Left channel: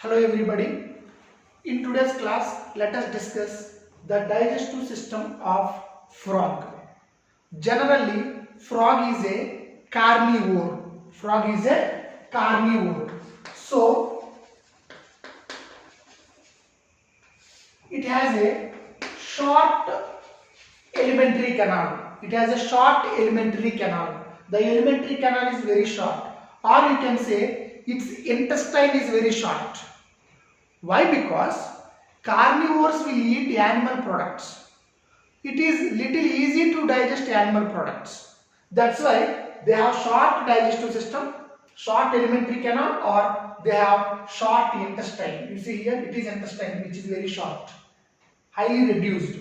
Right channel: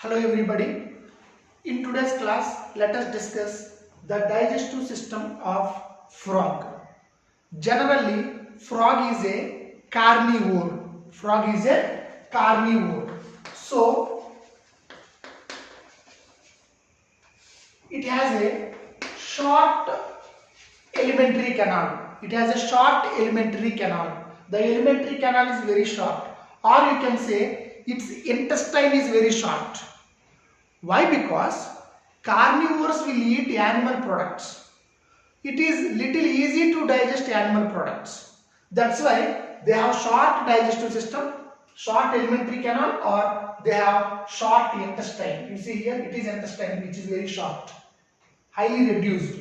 Hello everybody. In today's class, let us discuss the digestive system of frog. Generally, frog is a carnivore. Frog is a carnivore. So, it has a short alimentary canal. It has a short alimentary canal. The alimentary canal is very short, or you can say its intestine is very short. Why? Because carnivores will eat animal products. It is little easy to digest animal products. That's why they have short digestive system, short alimentary canal, or they have short intestine. You see here it is intestine which is very short, highly reduced.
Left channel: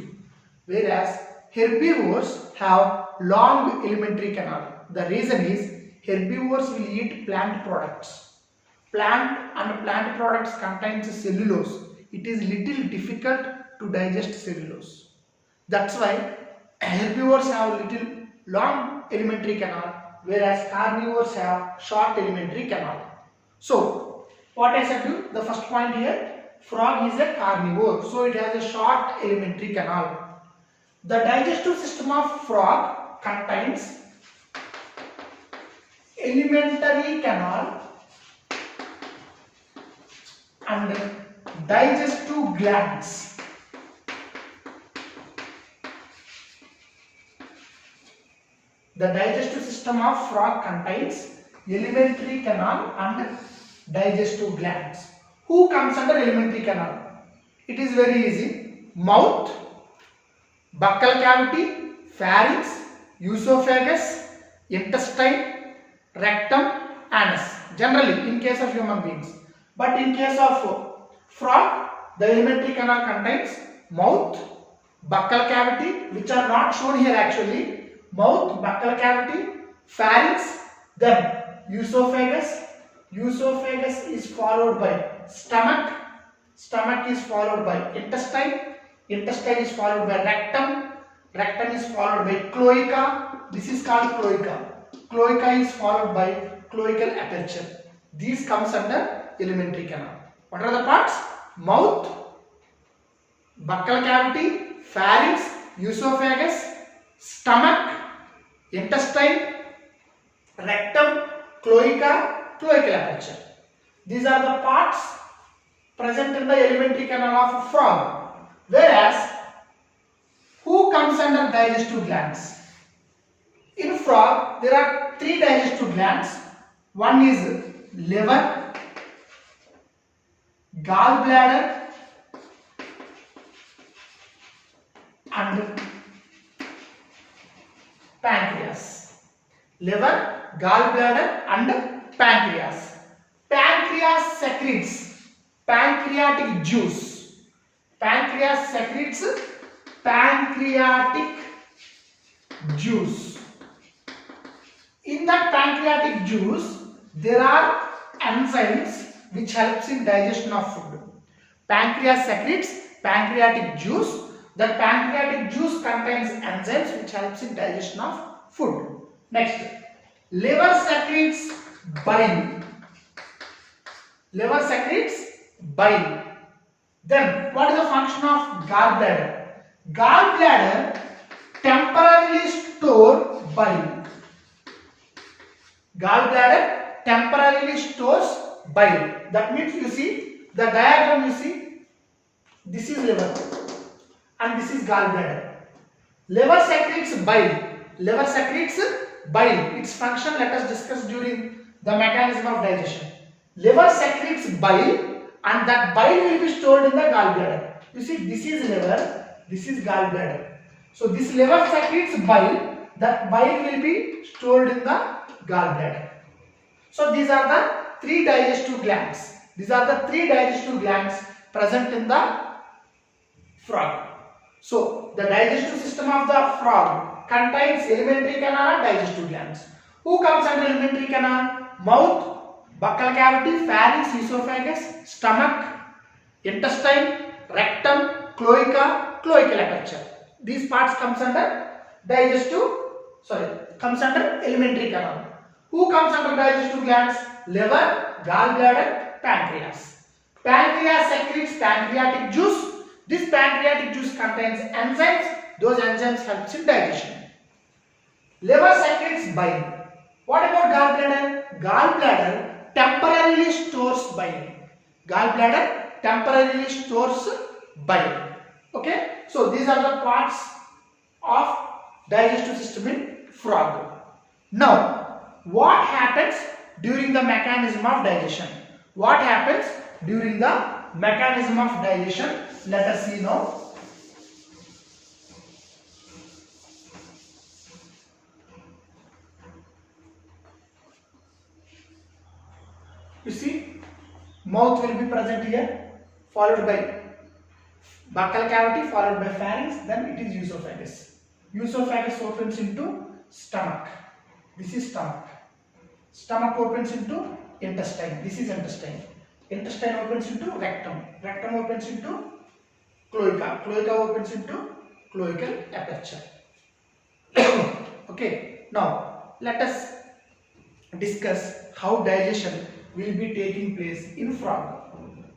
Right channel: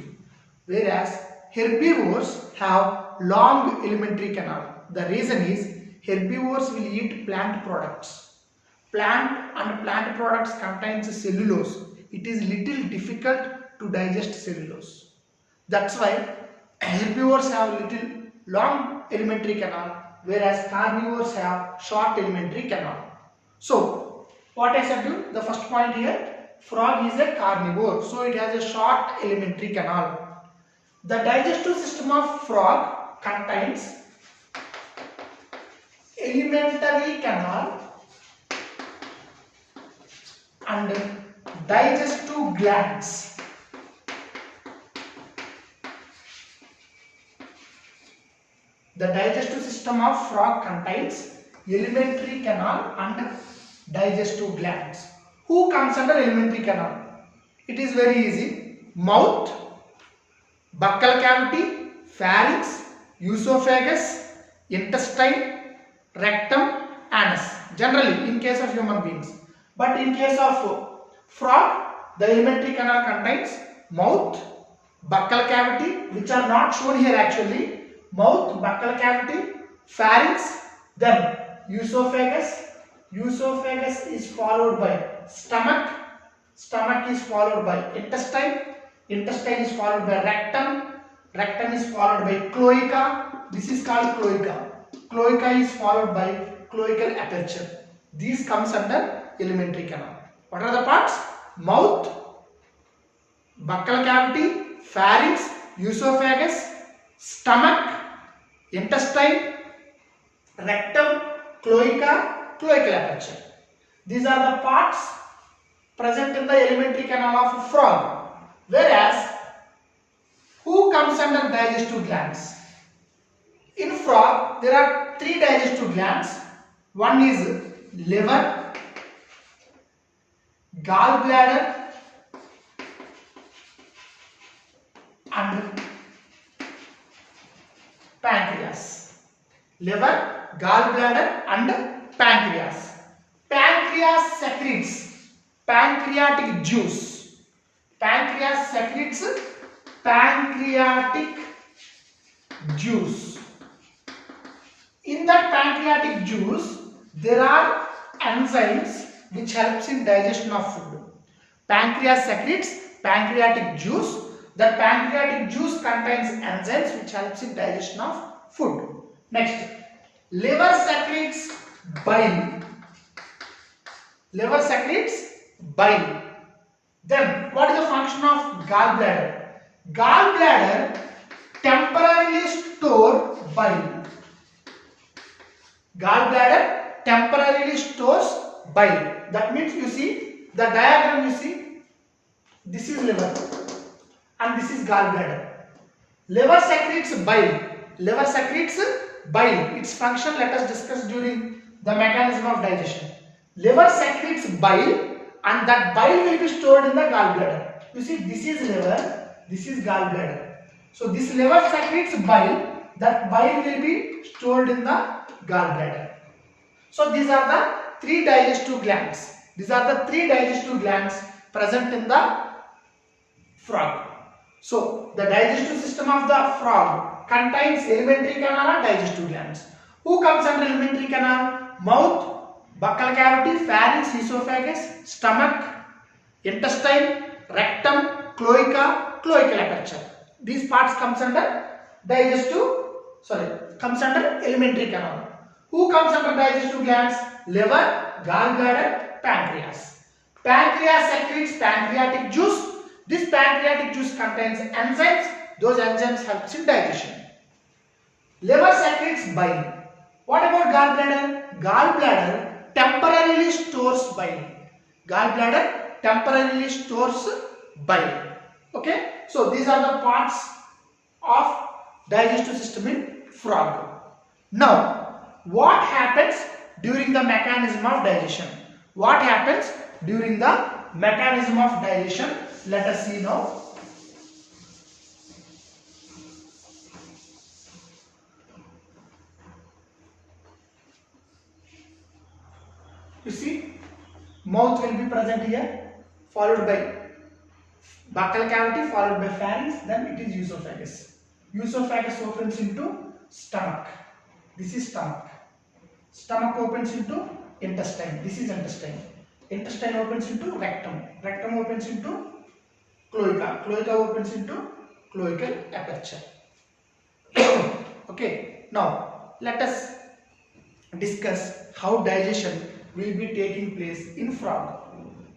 Whereas herbivores have long alimentary canal. The reason is herbivores will eat plant products. Plant and plant products contains cellulose. It is little difficult to digest cellulose. That's why herbivores have little long alimentary canal, whereas carnivores have short alimentary canal. So, what I said to you, the first point here, frog is a carnivore, so it has a short alimentary canal. The digestive system of frog contains alimentary canal and digestive glands. The digestive system of frog contains alimentary canal and digestive glands. Who comes under alimentary canal? It is very easy. Mouth, buccal cavity, pharynx, esophagus, intestine, rectum, anus. Generally, in case of human beings. But in case of frog, the alimentary canal contains mouth, buccal cavity, which are not shown here actually. Mouth, buccal cavity, pharynx, then esophagus. Esophagus is followed by stomach. Stomach is followed by intestine. Intestine is followed by rectum. Rectum is followed by cloaca. This is called cloaca. Cloaca is followed by cloacal aperture. These comes under alimentary canal. What are the parts? Mouth, buccal cavity, pharynx, esophagus, stomach, intestine, rectum, cloaca, cloacal aperture. These are the parts present in the alimentary canal of a frog. Whereas, who comes under digestive glands? In frog, there are three digestive glands. One is liver, gallbladder and pancreas. Liver, gallbladder and pancreas. Pancreas secretes pancreatic juice. Pancreas secretes pancreatic juice. In that pancreatic juice, there are enzymes which helps in digestion of food. Pancreas secretes pancreatic juice. That pancreatic juice contains enzymes which helps in digestion of food. Next, liver secretes bile. Liver secretes bile. Then, what is the function of gallbladder? Gallbladder temporarily store bile. Gallbladder temporarily stores bile. That means you see the diagram, you see this is liver and this is gallbladder. Liver secretes bile. Liver secretes bile. Its function let us discuss during the mechanism of digestion. Liver secretes bile and that bile will be stored in the gallbladder. You see this is liver, this is gallbladder. So this liver secretes bile, that bile will be stored in the gallbladder. So these are the three digestive glands. These are the three digestive glands present in the frog. So the digestive system of the frog contains alimentary canal and digestive glands. Who comes under alimentary canal? Mouth, buccal cavity, pharynx, esophagus, stomach, intestine, rectum, cloaca, cloacal aperture. These parts comes under comes under alimentary canal. Who comes under digestive glands? Liver, gallbladder, pancreas. Pancreas secretes pancreatic juice. This pancreatic juice contains enzymes. Those enzymes helps in digestion. Liver secretes bile. What about gallbladder? Gallbladder temporarily stores bile. Gallbladder temporarily stores bile. Okay. So these are the parts of digestive system in frog. Now, what happens during the mechanism of digestion? What happens during the mechanism of digestion? Let us see now. You see, mouth will be present here, followed by buccal cavity, followed by pharynx, then it is esophagus. Esophagus opens into stomach. This is stomach. Stomach opens into intestine. This is intestine. Intestine opens into rectum. Rectum opens into cloaca. Cloaca opens into cloacal aperture. Okay. Now, let us discuss how digestion will be taking place in frog.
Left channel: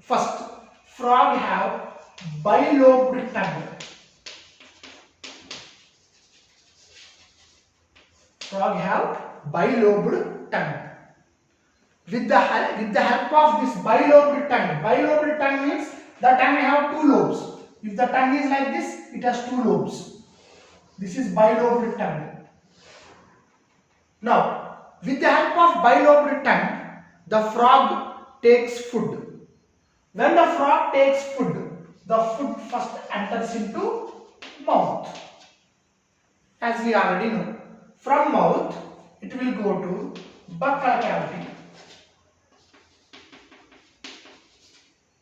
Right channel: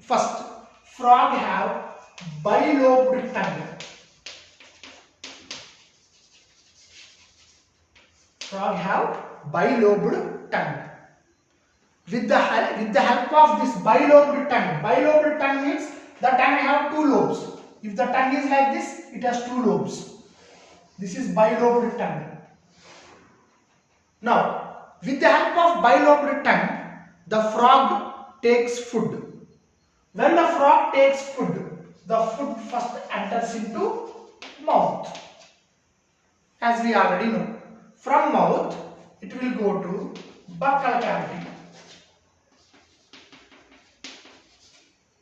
First, frog have bilobed tongue. Frog have bilobed tongue. With the help of this bilobed tongue means the tongue have two lobes. If the tongue is like this, it has two lobes. This is bilobed tongue. Now, with the help of bilobed tongue, the frog takes food. When the frog takes food, the food first enters into mouth. As we already know, from mouth it will go to buccal cavity.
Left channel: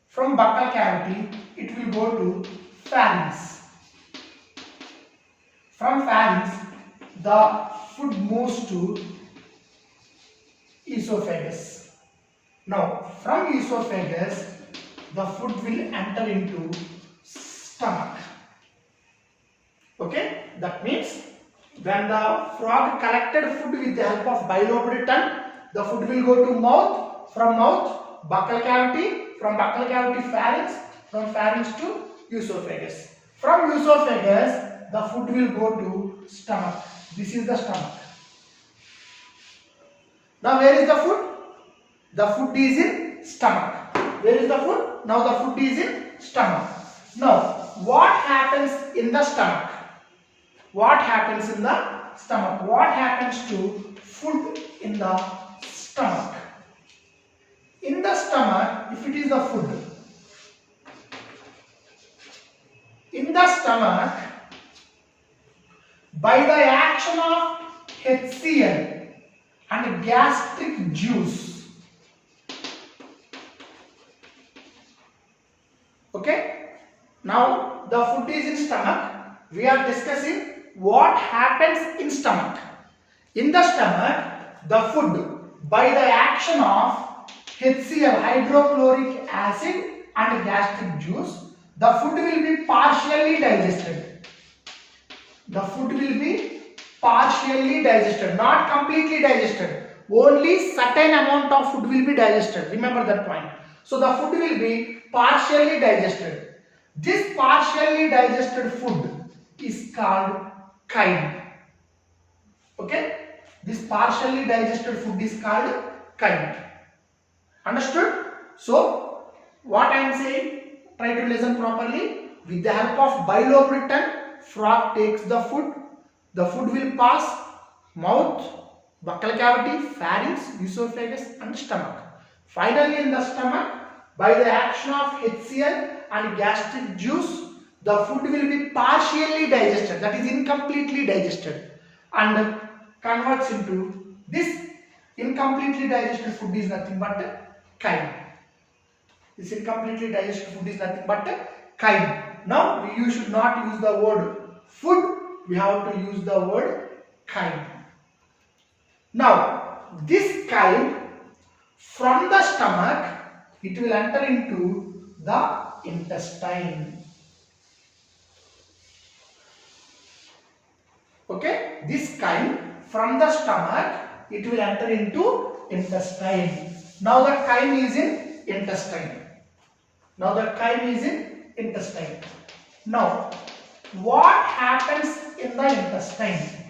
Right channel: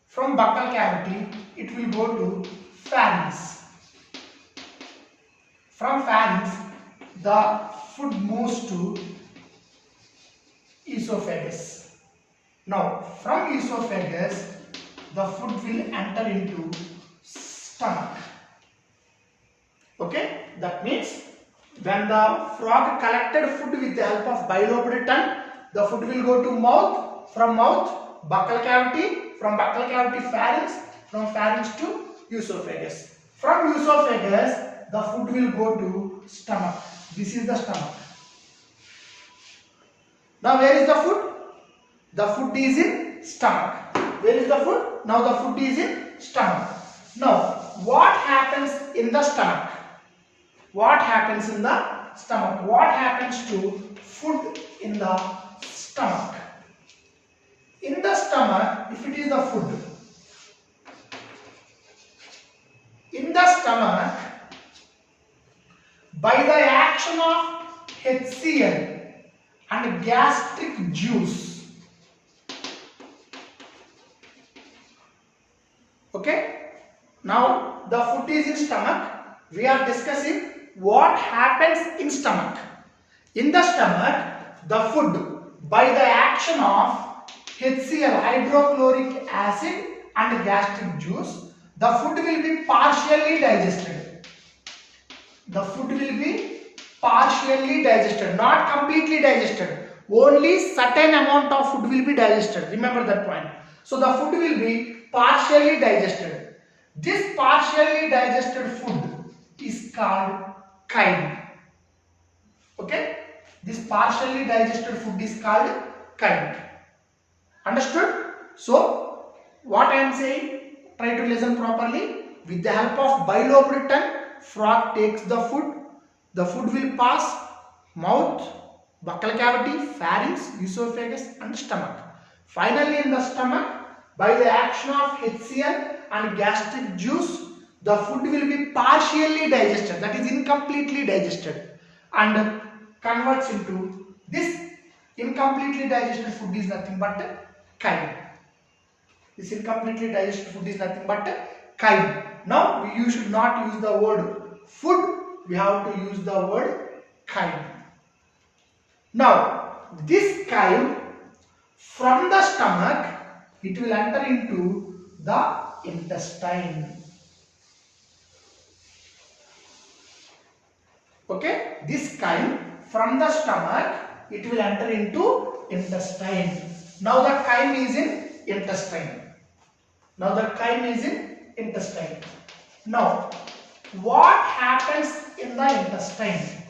From buccal cavity it will go to pharynx. From pharynx the food moves to esophagus. Now, from esophagus, the food will enter into stomach. Okay, that means when the frog collected food with the help of bilobed tongue, the food will go to mouth. From mouth, buccal cavity. From buccal cavity, pharynx. From pharynx to esophagus. From esophagus, the food will go to stomach. This is the stomach. Now, where is the food? The food is in stomach. Where is the food? Now the food is in stomach. Now, what happens in the stomach? What happens in the stomach? What happens to food in the stomach? In the stomach, if it is the food, in the stomach, by the action of HCl and gastric juice, okay, now the food is in stomach. We are discussing what happens in stomach. In the stomach, the food by the action of HCl, hydrochloric acid, and gastric juice, the food will be partially digested. The food will be partially digested, not completely digested. Only certain amount of food will be digested. Remember that point. So the food will be partially digested. This partially digested food is called chyme. Okay? This partially digested food is called chyme. Understood? So, what I am saying, try to listen properly. With the help of bilobed tongue, frog takes the food. The food will pass mouth, buccal cavity, pharynx, esophagus and stomach. Finally, in the stomach, by the action of HCl and gastric juice, the food will be partially digested, that is incompletely digested, and converts into this incompletely digested food is nothing but chyme. This incompletely digested food is nothing but chyme. Now you should not use the word food, we have to use the word chyme. Now this chyme from the stomach, it will enter into the intestine. Okay, this chyme from the stomach, it will enter into intestine. Now the chyme is in intestine. Now the chyme is in intestine. Now, what happens in the intestine?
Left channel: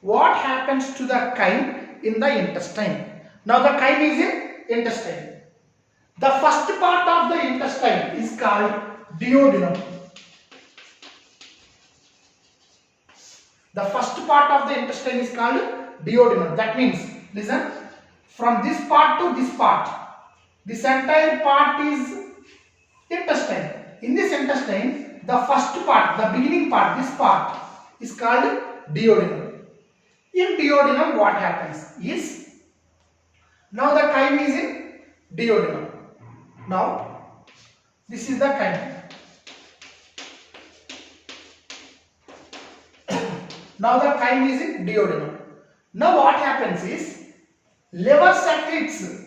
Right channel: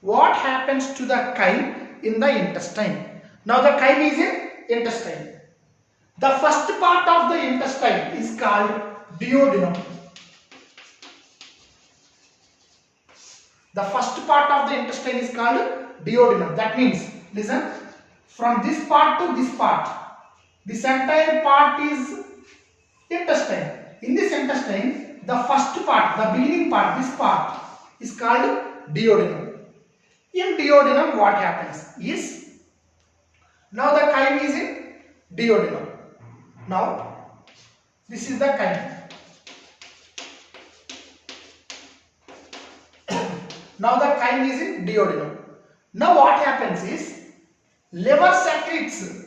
What happens to the chyme in the intestine? Now the chyme is in intestine. The first part of the intestine is called duodenum. The first part of the intestine is called duodenum. That means, listen, from this part to this part, this entire part is intestine. In this intestine, the first part, the beginning part, this part is called duodenum. In duodenum, what happens is, now the chyme is in duodenum. Now, this is the chyme. Now the chyme is in duodenum. Now what happens is, liver secretes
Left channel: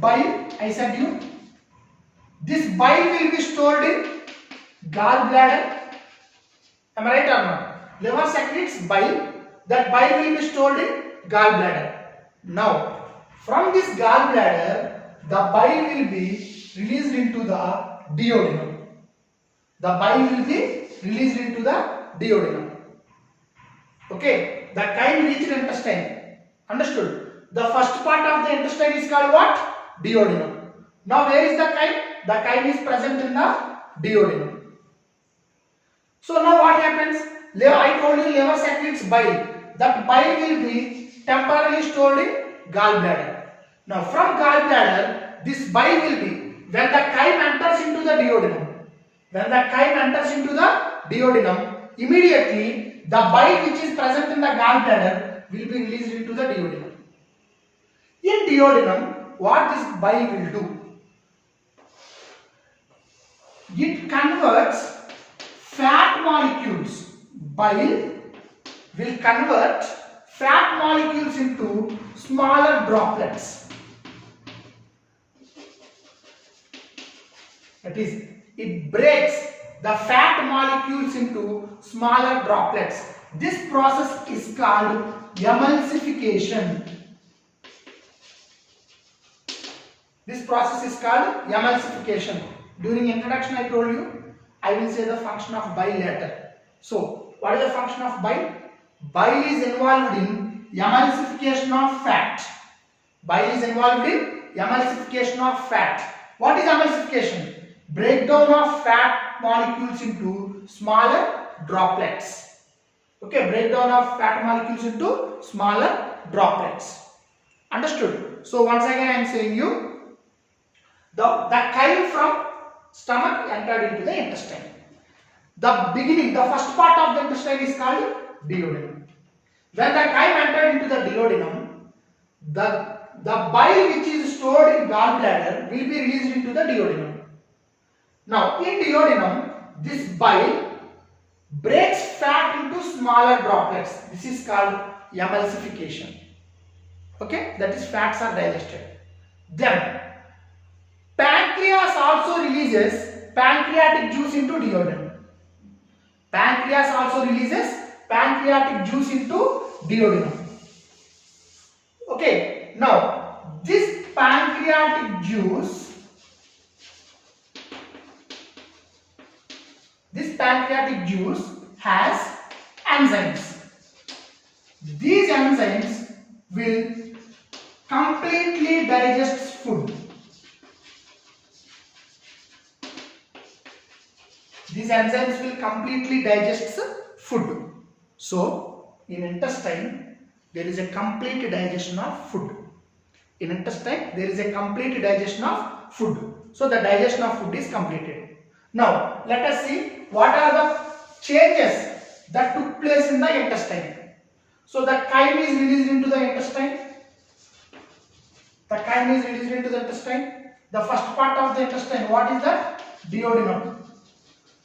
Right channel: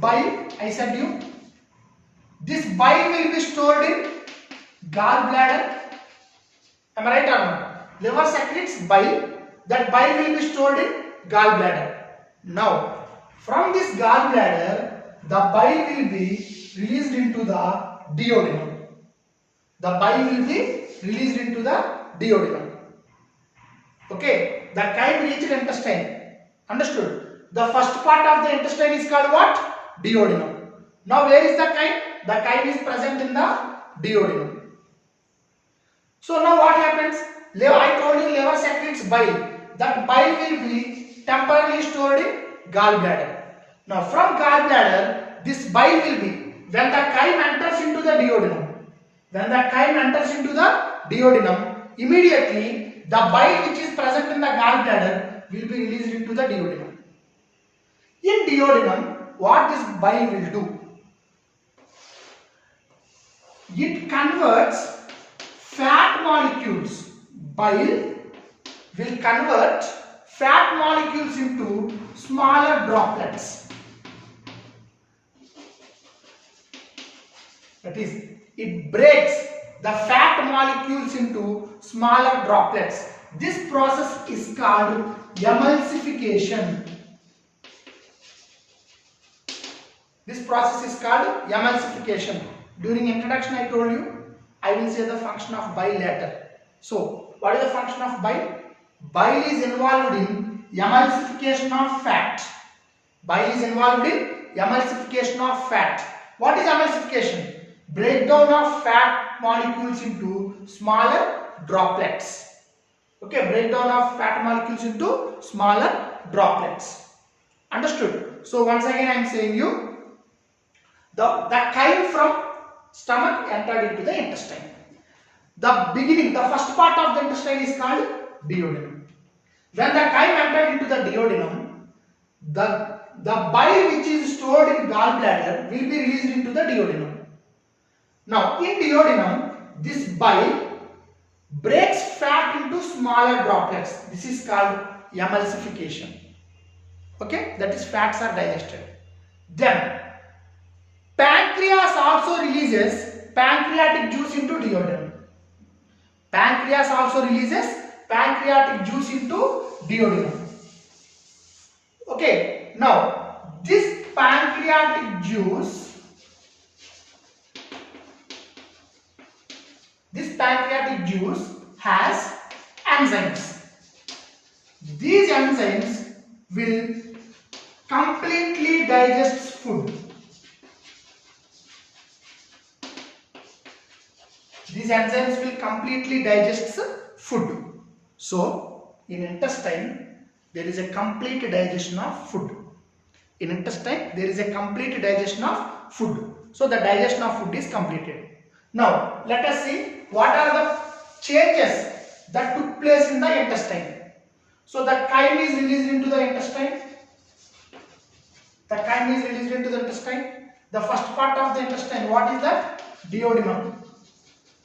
bile. I said you, this bile will be stored in gallbladder. Am I right or not? Liver secretes bile. That bile will be stored in gallbladder. Now, from this gallbladder, the bile will be released into the duodenum. The bile will be released into the duodenum. Okay, the chyme reached intestine. Understood? The first part of the intestine is called what? Duodenum. Now where is the chyme? The chyme is present in the duodenum. So now what happens? I told you liver secretes bile. That bile will be temporarily stored in gallbladder. Now from gallbladder, this bile will be, when the chyme enters into the duodenum, immediately the bile which is present in the gallbladder will be released into the duodenum. In duodenum, what this bile will do? It converts fat molecules. Bile will convert fat molecules into smaller droplets. That is, it breaks the fat molecules into smaller droplets. This process is called emulsification. This process is called emulsification. During introduction I told you, I will say the function of bile later. So, what is the function of bile? Bile is involved in emulsification of fat. Bile is involved in emulsification of fat. What is emulsification? Breakdown of fat molecules into smaller droplets. Okay, breakdown of fat molecules into smaller droplets. Understood? So once again I am saying you, the chyme from stomach entered into the intestine. The beginning, the first part of the intestine is called duodenum. When the chyme entered into the duodenum, the bile which is stored in gallbladder will be released into the duodenum. Now in duodenum, this bile breaks fat into smaller droplets. This is called emulsification. Okay, that is fats are digested. Then pancreas also releases pancreatic juice into duodenum. Pancreas also releases pancreatic juice into duodenum. Okay, now this pancreatic juice has enzymes. These enzymes will completely digest food. These enzymes will completely digest food. So, in intestine, there is a complete digestion of food. In intestine, there is a complete digestion of food. So, the digestion of food is completed. Now, let us see what are the changes that took place in the intestine. So, the chyme is released into the intestine. The chyme is released into the intestine. The first part of the intestine, what is that? Duodenum.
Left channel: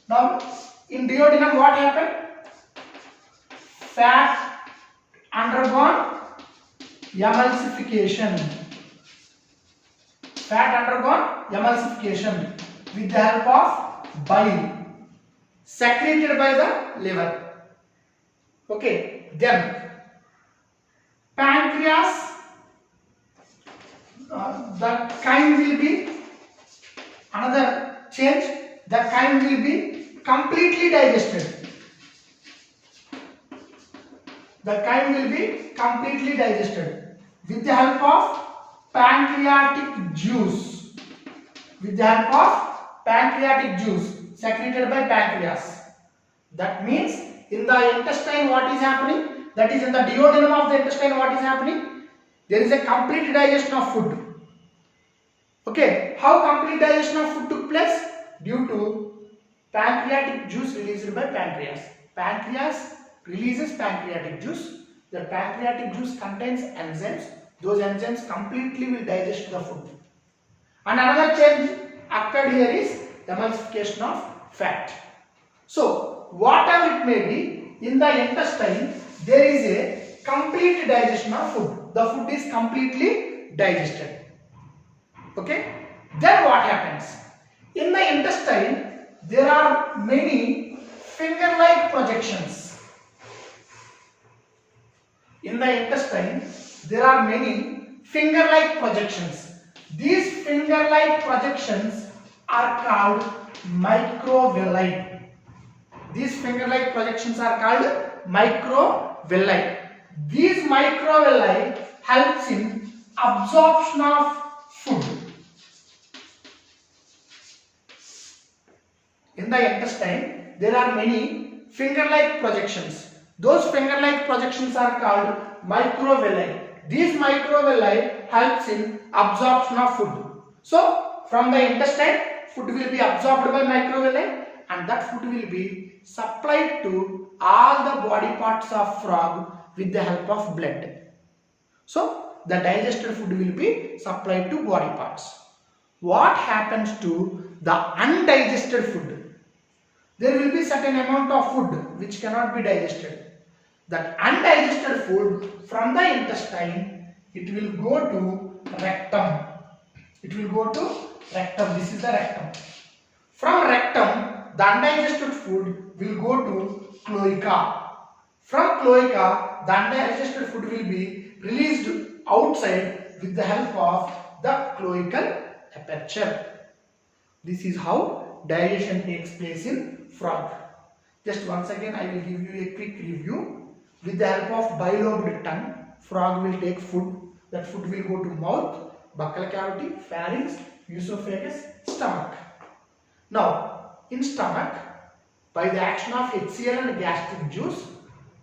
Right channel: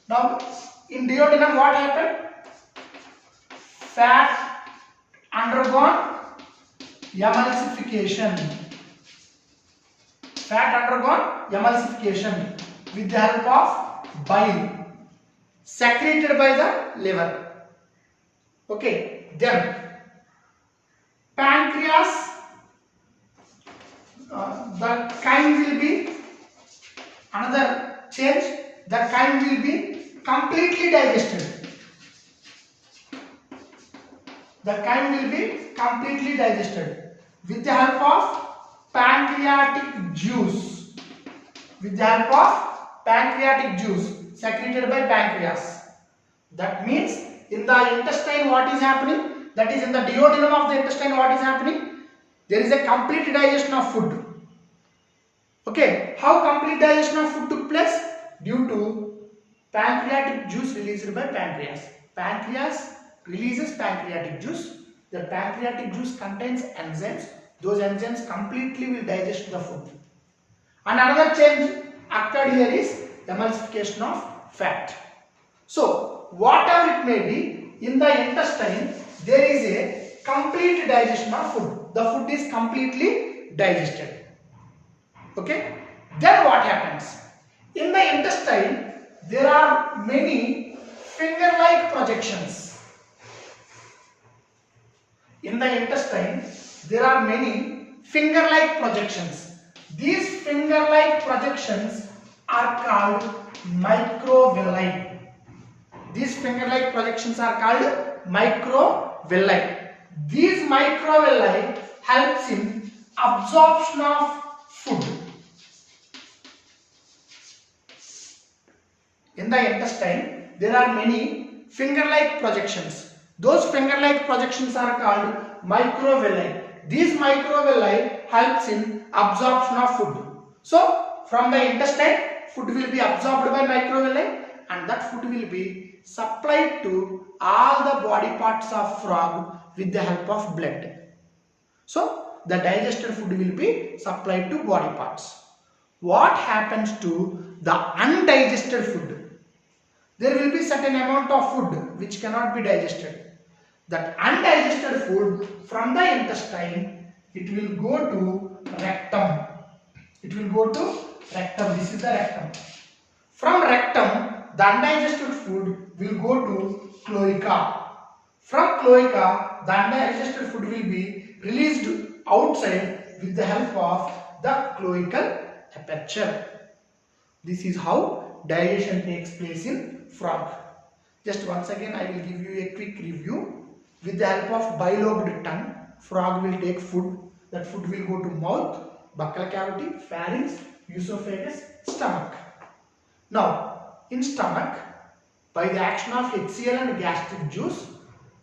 Now, in duodenum, what happened? Fat undergone emulsification. Fat undergone emulsification with the help of bile secreted by the liver. Okay, then pancreas the chyme will be another change. The chyme will be completely digested. The chyme will be completely digested with the help of pancreatic juice. With the help of pancreatic juice secreted by pancreas. That means in the intestine what is happening? That is in the duodenum of the intestine what is happening? There is a complete digestion of food. Okay, how complete digestion of food took place? Due to pancreatic juice released by pancreas. Pancreas releases pancreatic juice. The pancreatic juice contains enzymes. Those enzymes completely will digest the food. And another change occurred here is emulsification of fat. So, whatever it may be, in the intestine, there is a complete digestion of food. The food is completely digested. Okay? Then what happens? In the intestine, there are many finger-like projections. In the intestine, there are many finger-like projections. These finger-like projections are called microvilli. These finger-like projections are called microvilli. These microvilli helps in absorption of food. In the intestine, there are many finger-like projections. Those finger-like projections are called microvilli. These microvilli helps in absorption of food. So, from the intestine, food will be absorbed by microvilli and that food will be supplied to all the body parts of frog with the help of blood. So, the digested food will be supplied to body parts. What happens to the undigested food? There will be certain amount of food which cannot be digested. That undigested food from the intestine, it will go to rectum. It will go to rectum. This is the rectum. From rectum, the undigested food will go to cloaca. From cloaca, the undigested food will be released outside with the help of the cloacal aperture. This is how digestion takes place in frog. Just once again, I will give you a quick review. With the help of bilobed tongue, frog will take food. That food will go to mouth, buccal cavity, pharynx, esophagus, stomach. Now, in stomach, by the action of HCl and gastric juice,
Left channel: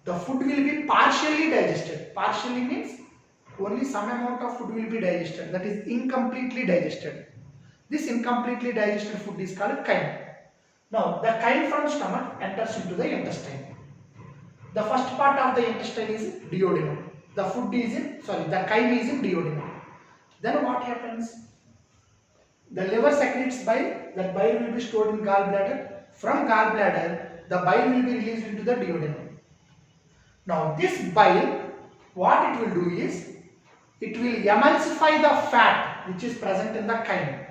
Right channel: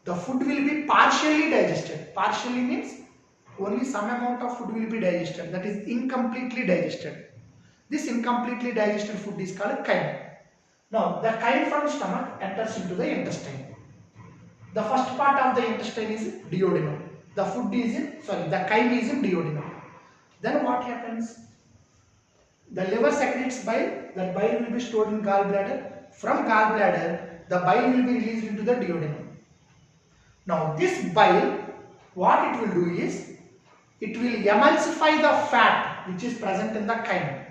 the food will be partially digested. Partially means only some amount of food will be digested. That is incompletely digested. This incompletely digested food is called chyme. Now, the chyme from stomach enters into the intestine. The first part of the intestine is duodenum. The chyme is in duodenum. Then what happens? The liver secretes bile. That bile will be stored in gallbladder. From gallbladder, the bile will be released into the duodenum. Now, this bile, what it will do is, it will emulsify the fat which is present in the chyme.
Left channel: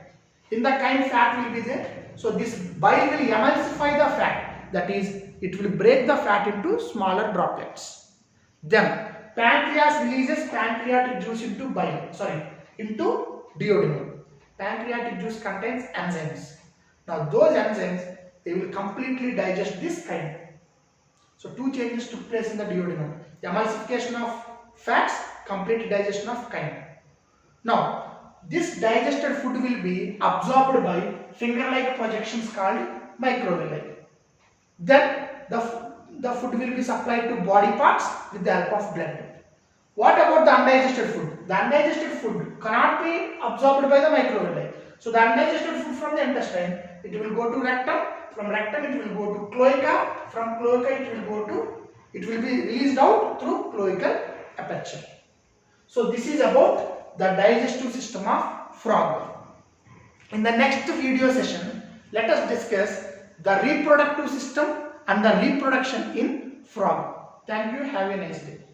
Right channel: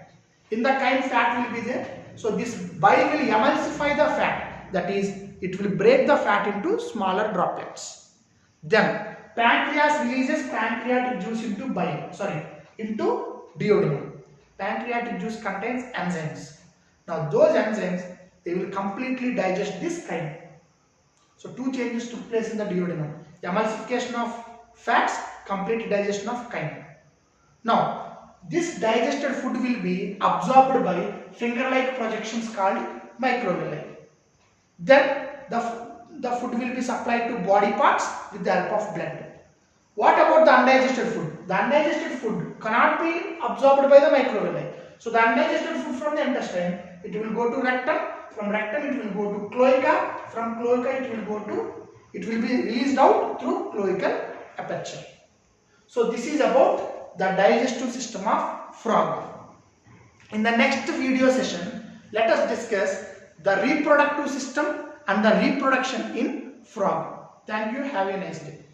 In the chyme, fat will be there. So, this bile will emulsify the fat. That is, it will break the fat into smaller droplets. Then, pancreas releases pancreatic juice into into duodenum. Pancreatic juice contains enzymes. Now, those enzymes, they will completely digest this chyme. So, two changes took place in the duodenum. Emulsification of fats, complete digestion of chyme. Now, this digested food will be absorbed by finger-like projections called microvilli. Then the food will be supplied to body parts with the help of blood. What about the undigested food? The undigested food cannot be absorbed by the microvilli. So the undigested food from the intestine, it will go to rectum. From rectum, it will go to cloaca. From cloaca, it will be released out through cloacal aperture. So this is about the digestive system of frog. In the next video session, let us discuss the reproductive system and the reproduction in frog. Thank you. Have a nice day.